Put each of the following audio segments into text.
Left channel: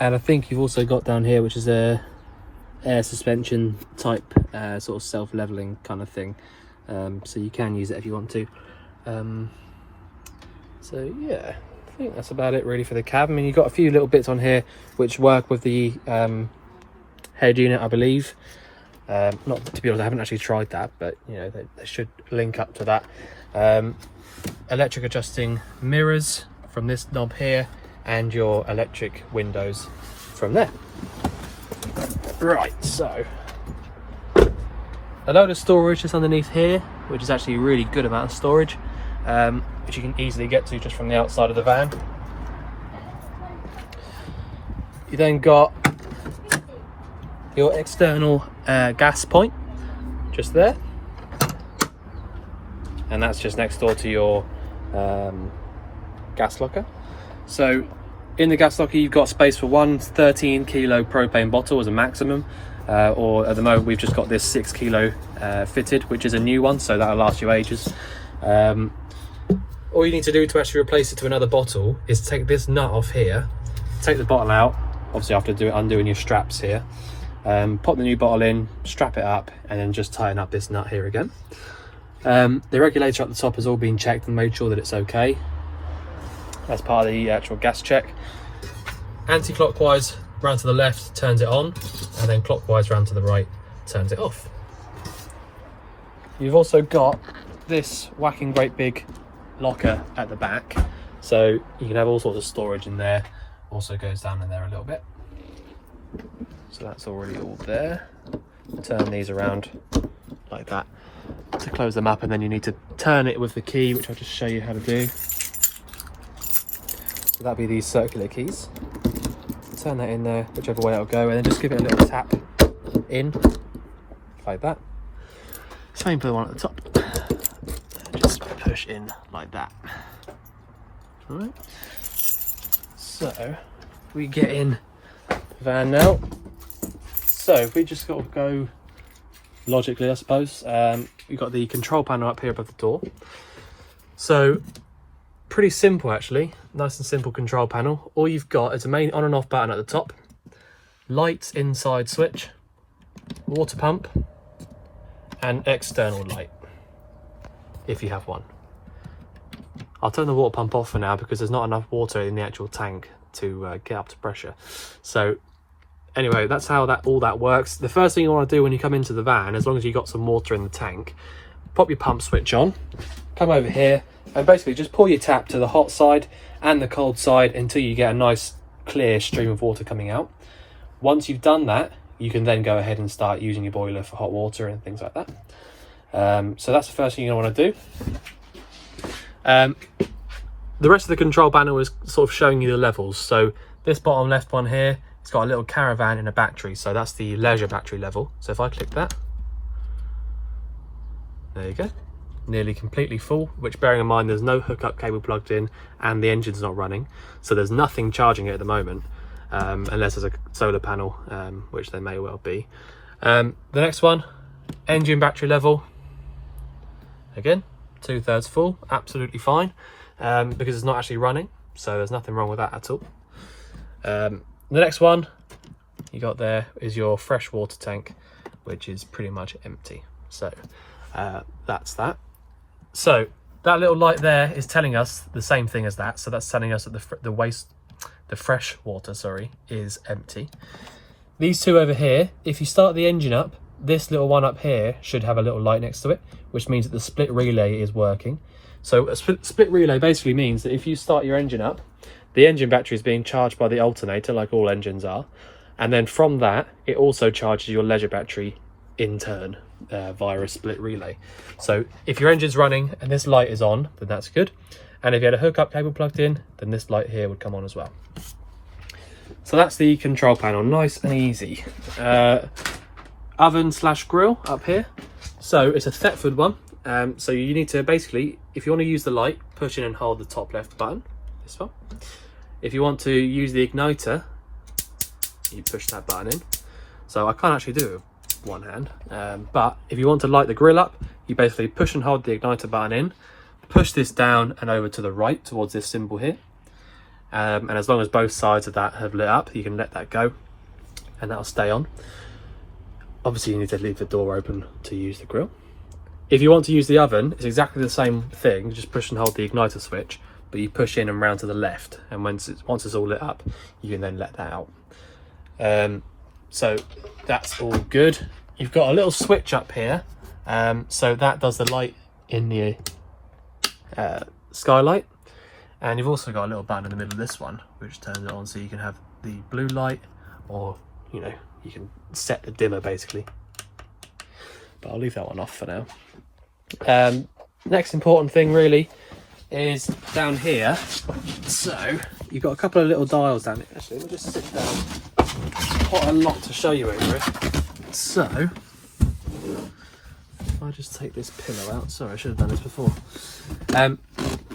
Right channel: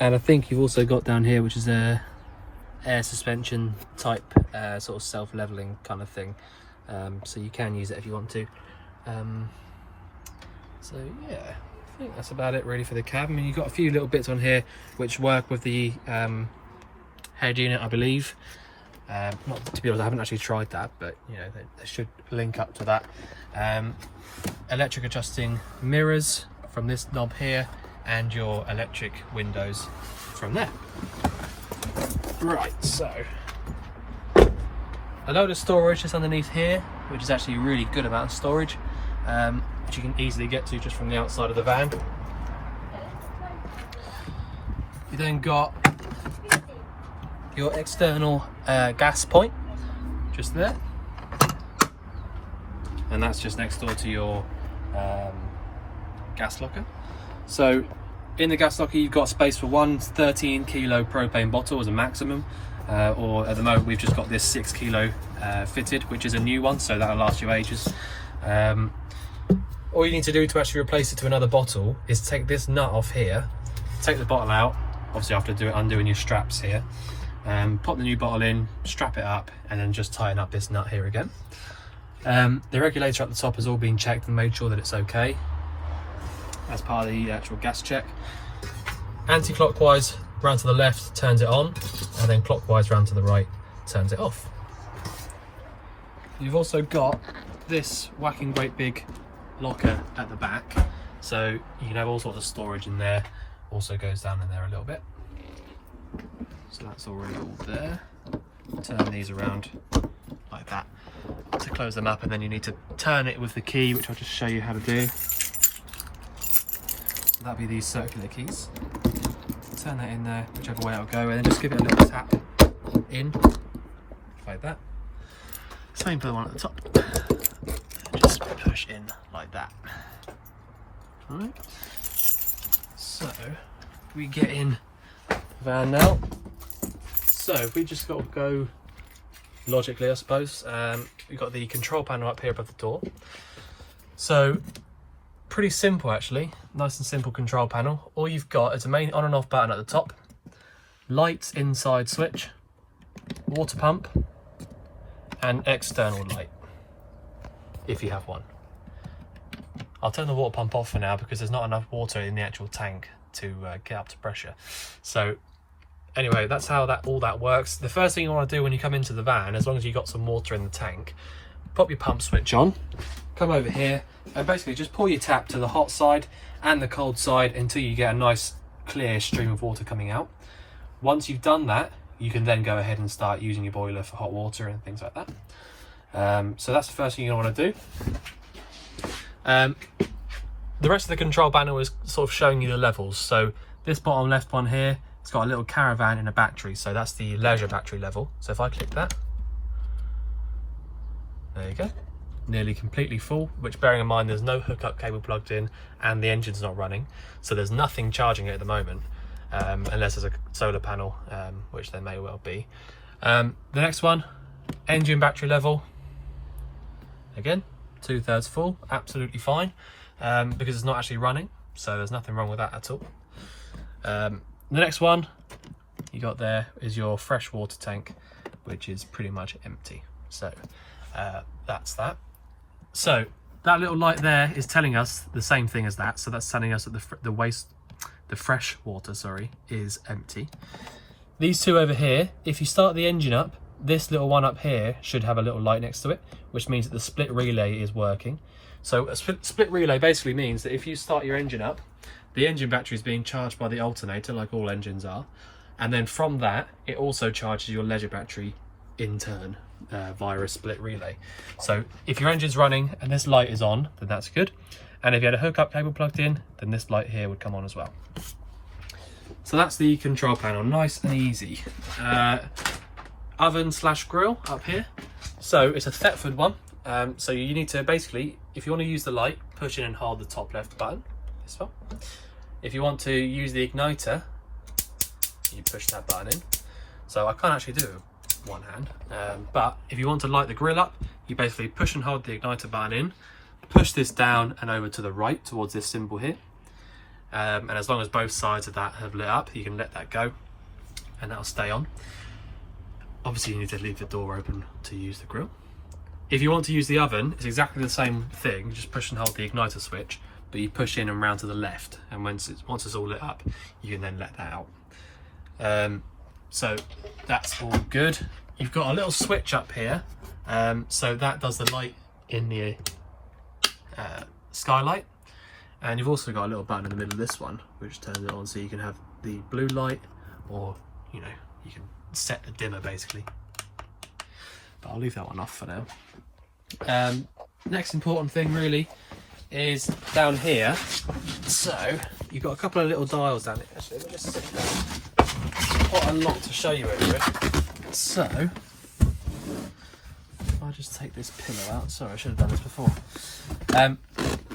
And I think you've also got down here, which is a air suspension type sort of self-leveling kind of thing, so you can use it if you want to. So yeah, I think that's about it really for the cab. I mean, you've got a few little bits on here which work with the head unit, I believe. Not to be honest, I haven't actually tried that, but you know, they should link up to that. Electric adjusting mirrors from this knob here, and your electric windows from there. Right, so a load of storage just underneath here, which is actually a really good amount of storage, which you can easily get to just from the outside of the van. You then got your external gas point just there, and that's just next door to your gas locker. So in the gas locker you've got space for one 13 kilo propane bottle as a maximum, or at the moment we've just got this 6 kilo fitted, which is a new one, so that'll last you ages. All you need to do to actually replace it to another bottle is take this nut off here, take the bottle out, obviously after undoing your straps here, pop the new bottle in, strap it up, and then just tighten up this nut here again. The regulator at the top has all been checked and made sure that it's okay as part of the actual gas check. Anti-clockwise round to the left turns it on, and then clockwise round to the right turns it off. You've also got this whacking great big locker at the back, so you can have all sorts of storage in there. Also goes down in there a little bit, so that's already all there. Turn these around like that to close them up, and then you need to turn it with the key, which I'll just show you how to do. So that'd be these circular keys. Turn that in there, whichever way it'll go, and then just give it a little tap in like that. Same for the one at the top. And just push in like that. All right. So we get in the van now. So if we just got to go logically, I suppose, we've got the control panel up here above the door. So pretty simple actually, nice and simple control panel. All you've got is a main on and off button at the top, lights inside switch, water pump, and external light if you have one. I'll turn the water pump off for now because there's not enough water in the actual tank to get up to pressure. So anyway, that's how all that works. The first thing you want to do when you come into the van, as long as you've got some water in the tank, pop your pump switch on, come over here, and basically just pull your tap to the hot side and the cold side until you get a nice clear stream of water coming out. Once you've done that, you can then go ahead and start using your boiler for hot water and things like that. So that's the first thing you want to do. The rest of the control panel is sort of showing you the levels. So this bottom left one here, it's got a little caravan and a battery, so that's the leisure battery level. So if I click that, there you go, nearly completely full, which, bearing in mind there's no hookup cable plugged in and the engine's not running, so there's nothing charging it at the moment, unless there's a solar panel, which there may well be. The next one, engine battery level, again 2/3 full, absolutely fine, because it's not actually running, so there's nothing wrong with that at all. The next one you got there is your fresh water tank, which is pretty much empty. So that's that. So that little light there is telling us the same thing as that. So that's telling us that the fresh water, sorry, is empty. These two over here, if you start the engine up, this little one up here should have a little light next to it, which means that the split relay is working. So a split relay basically means that if you start your engine up, the engine battery is being charged by the alternator, like all engines are, and then from that it also charges your leisure battery in turn via a split relay. So if your engine's running and this light is on, then that's good, and if you had a hookup cable plugged in, then this light here would come on as well. So that's the control panel, nice and easy. Oven / grill up here. So it's a Thetford one, so you need to basically, if you want to use the light, push in and hold the top left button, this one. If you want to use the igniter, you push that button in. So I can't actually do it with one hand, but if you want to light the grill up, you basically push and hold the igniter button in, push this down and over to the right towards this symbol here, and as long as both sides of that have lit up, you can let that go and that'll stay on. Obviously you need to leave the door open to use the grill. If you want to use the oven, it's exactly the same thing, just push and hold the igniter switch, but you push in and round to the left, and once it's all lit up, you can then let that out. So that's all good. You've got a little switch up here, so that does the light in the skylight, and you've also got a little button in the middle of this one which turns it on, so you can have the blue light, or you know, you can set the dimmer basically, but I'll leave that one off for now. Next important thing really is down here. So you've got a couple of little dials down here, so we'll just sit down. Quite a lot to show you over. So I'll just take this pillow out. Sorry, I should have done this before.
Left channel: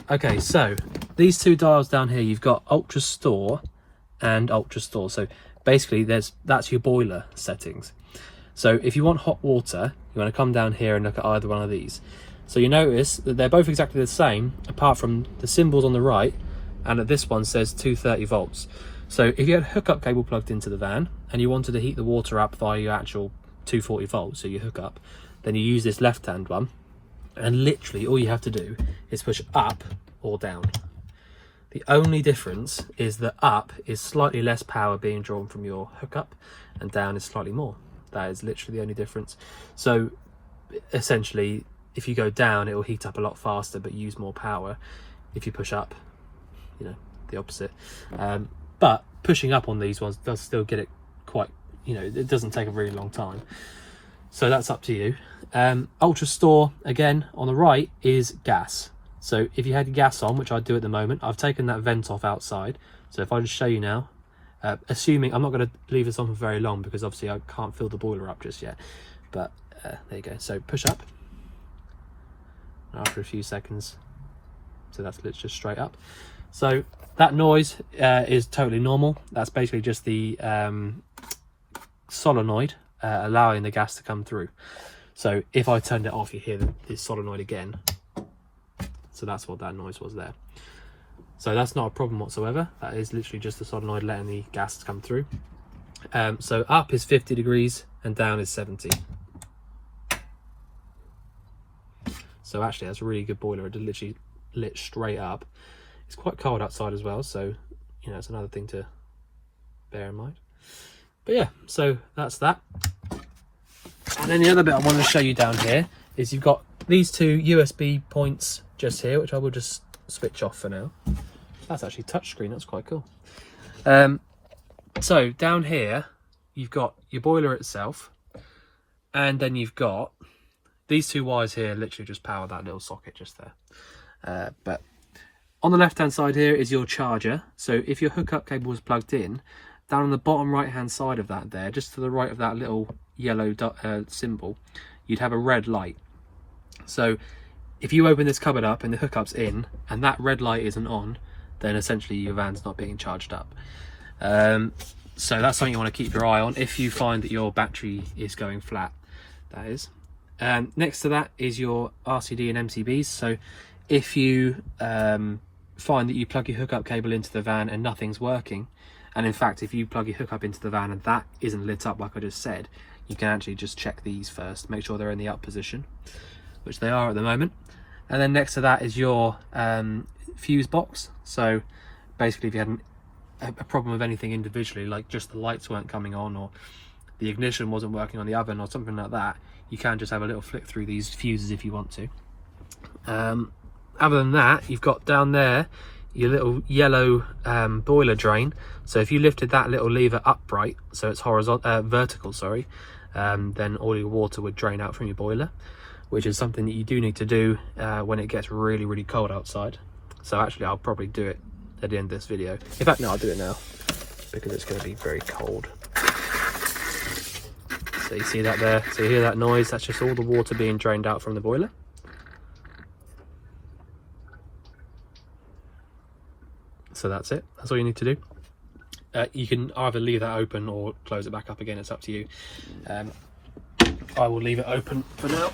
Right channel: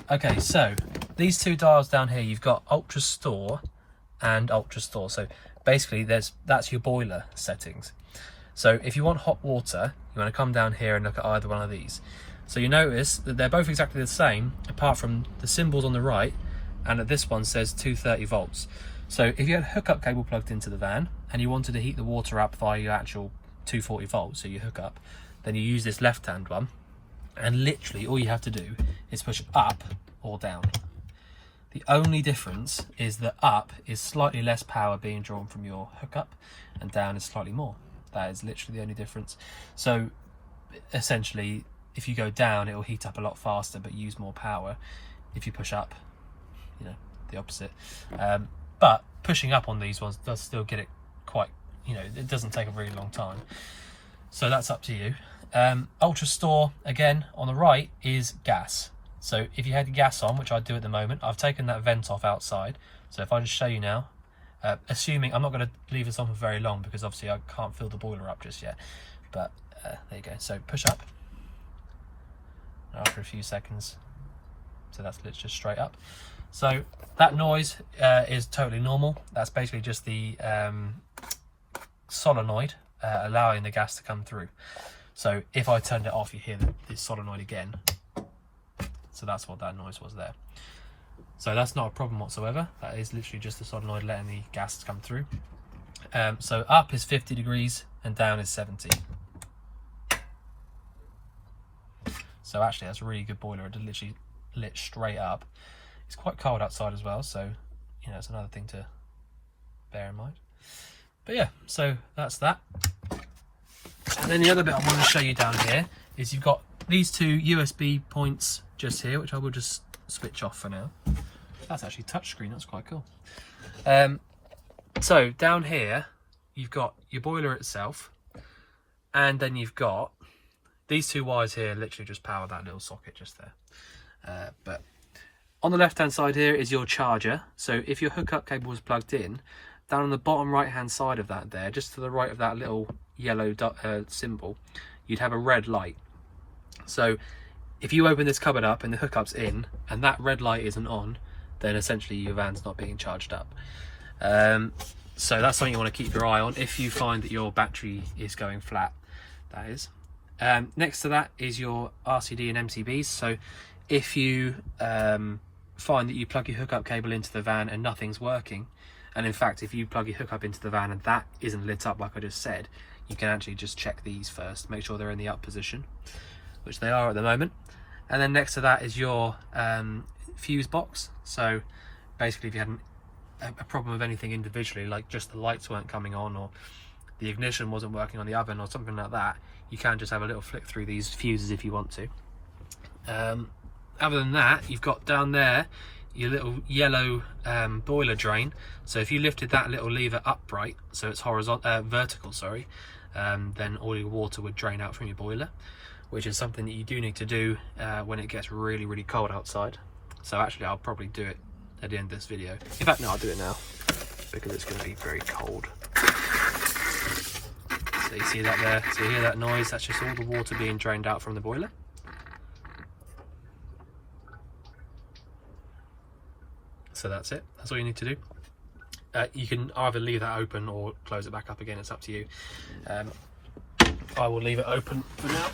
Okay, so these two dials down here, you've got ultra store and ultra store. So basically that's your boiler settings. So if you want hot water, you want to come down here and look at either one of these. So you notice that they're both exactly the same, apart from the symbols on the right, and that this one says 230 volts. So if you had a hookup cable plugged into the van and you wanted to heat the water up via your actual 240 volts, so you hook up, then you use this left-hand one, and literally all you have to do is push up or down. The only difference is that up is slightly less power being drawn from your hookup, and down is slightly more. That is literally the only difference. So essentially, if you go down, it will heat up a lot faster but use more power. If you push up, you know, the opposite. But pushing up on these ones does still get it quite, you know, it doesn't take a really long time. So that's up to you. Ultra store, again, on the right is gas. So if you had your gas on, which I do at the moment, I've taken that vent off outside. So if I just show you now, assuming, I'm not going to leave this on for very long because obviously I can't fill the boiler up just yet. But there you go. So push up. After a few seconds, so that's just straight up. So that noise is totally normal. That's basically just the solenoid allowing the gas to come through. So if I turned it off, you hear this solenoid again. So that's what that noise was there. So that's not a problem whatsoever. That is literally just the solenoid letting the gas come through. So up is 50 degrees and down is 70. So actually that's a really good boiler. It literally lit straight up. It's quite cold outside as well, so you know, it's another thing to bear in mind. But yeah, so that's that. And then the other bit I want to show you down here is you've got these two USB points just here, which I will just switch off for now. That's actually touchscreen, that's quite cool. So down here you've got your boiler itself, and then you've got these two wires here literally just power that little socket just there. But on the left hand side here is your charger. So if your hookup cable was plugged in, down on the bottom right hand side of that there, just to the right of that little yellow symbol, you'd have a red light. So if you open this cupboard up and the hookup's in and that red light isn't on, then essentially your van's not being charged up. So that's something you want to keep your eye on if you find that your battery is going flat, that is. Next to that is your Rcd and Mcbs. So if you find that you plug your hookup cable into the van and nothing's working, and in fact if you plug your hookup into the van and that isn't lit up like I just said, you can actually just check these first, make sure they're in the up position, which they are at the moment. And then next to that is your fuse box. So basically if you had a problem with anything individually, like just the lights weren't coming on or the ignition wasn't working on the oven or something like that, you can just have a little flick through these fuses if you want to. Other than that, you've got down there your little yellow boiler drain. So if you lifted that little lever upright, so it's vertical, sorry, then all your water would drain out from your boiler, which is something that you do need to do when it gets really, really cold outside. So actually I'll probably do it at the end of this video. In fact, no, I'll do it now because it's going to be very cold. So you see that there? So you hear that noise? That's just all the water being drained out from the boiler. So that's it. That's all you need to do. You can either leave that open or close it back up again. It's up to you. I will leave it open for now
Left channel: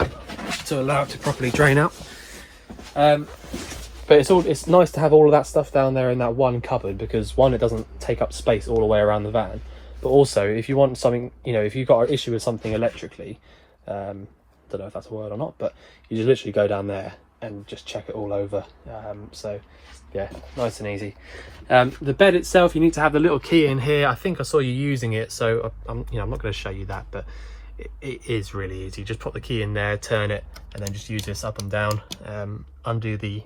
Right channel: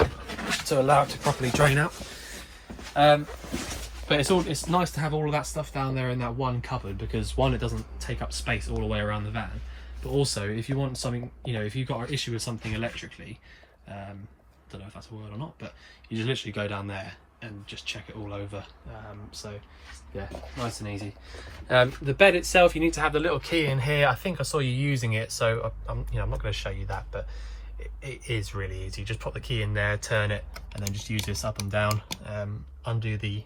to allow it to properly drain out. But it's nice to have all of that stuff down there in that one cupboard, because one, it doesn't take up space all the way around the van, but also if you want something, you know, if you've got an issue with something electrically, don't know if that's a word or not, but you just literally go down there and just check it all over. So yeah, nice and easy. The bed itself, you need to have the little key in here. I think I saw you using it, so I'm not going to show you that, but it is really easy. Just put the key in there, turn it, and then just use this up and down. Undo the